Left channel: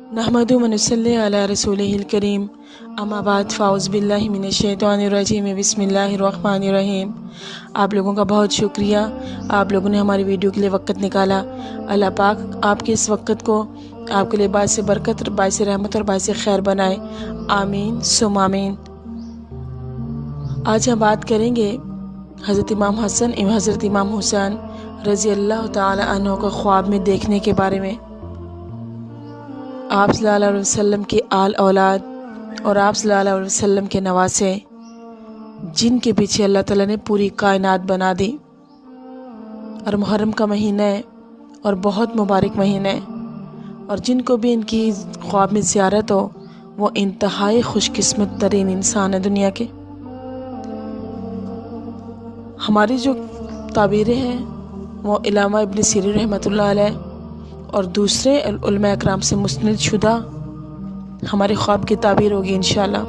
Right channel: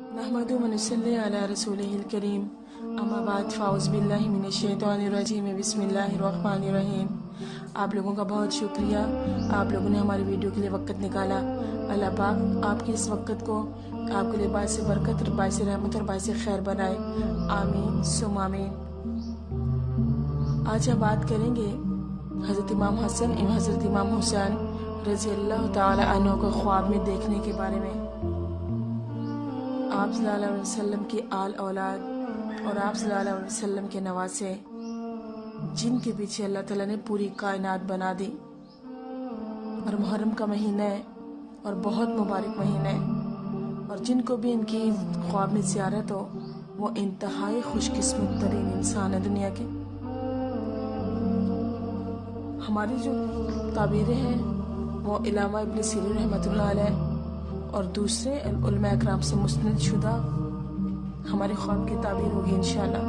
नहमदु व नसल्ली अला रसूलिहिल करीम अम्मा बाद फ़ाउज़ बिल्लाहि मिनश शैतानिर रजीम बिस्मिल्लाहिर रहमानिर रहीम। आप लोगों का बहुत शुक्रिया, आप लोगों ने हमारी वीडियो के लिए वक़्त निकाला। अल्लाह पाक आपके इस वक़्त को आपके लिए बाइस बरकत, बाइस रहमत और बाइस खैर बनाए। आमीन सुम आमीन। आज हम बात करेंगे हज़रत इमाम हसन एवं हज़रत इमाम हुसैन रज़ी अल्लाह ताला अन्हु को ख्वाब में देखने के बारे में। आप सल्लल्लाहु अलैहि वसल्लम के आल औलाद और आप सल्लल्लाहु अलैहि वसल्लम के नवासे, जिनके पीछे अल्लाह ताला ने पूरी कायनात बना दी। और मुहर्रम का महीना है और बहुत मुबारक महीना है, और जिनको भी इनकी ख्वाब में ज़ियारत हो वो इंतहाई खुशकिस्मत तरीन इंसान है दुनिया के। हमारी जो ताबीरें हैं वो इलामा इब्न सीरीन रहमतुल्लाह अलैह और दूसरे उलमा इकराम से मुस्नद शुदा हमारे ख्वाब की ताबीर होगी इंशाअल्लाह।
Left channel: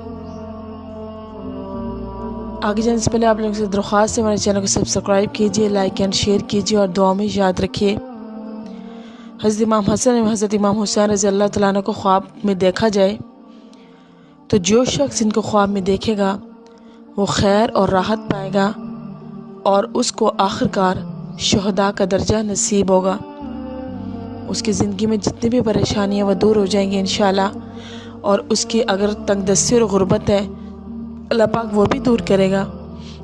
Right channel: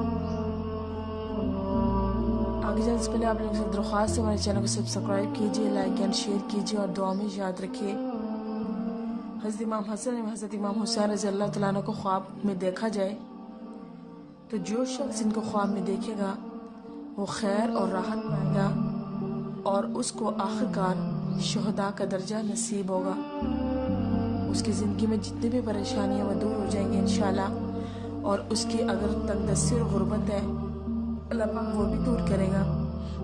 आगे जाने से पहले आप लोगों से दरख्वास्त है, हमारे चैनल को सब्सक्राइब कीजिए, लाइक एंड शेयर कीजिए और दुआ में याद रखिए। हज़रत इमाम हसन एवं हज़रत इमाम हुसैन रज़ी अल्लाह तआला अन्हु को ख्वाब में देखा जाए तो जो शख्स इनको ख्वाब में देखेगा वो खैर और राहत पाएगा और उसको आखिरकार शुहदा का दर्जा नसीब होगा। उसकी ज़िंदगी में जितनी भी परेशानियाँ वो दूर हो जाएंगी इंशाअल्लाह, और उसकी अगर तंगदस्ती और गुर्बत है अल्लाह पाक वो भी दूर करेगा।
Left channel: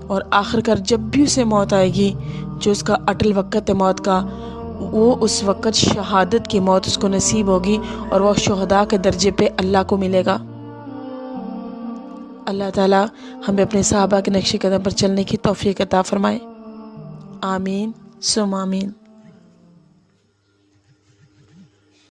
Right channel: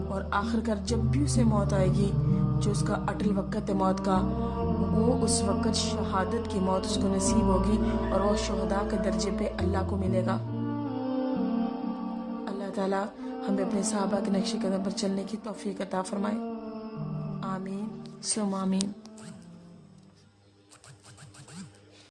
और आखिरकार जब भी उसे मौत आएगी, जो उसका अटल वक़्त है मौत का, वो उस वक़्त शहादत की मौत उसको नसीब होगी और वह शुहदा के दर्जे पे अल्लाह को मिलेगा। अल्लाह ताला हमें अपने सहाबा के नक्शे कदम पर चलने की तौफीक अता फरमाए। आमीन सुम आमीन।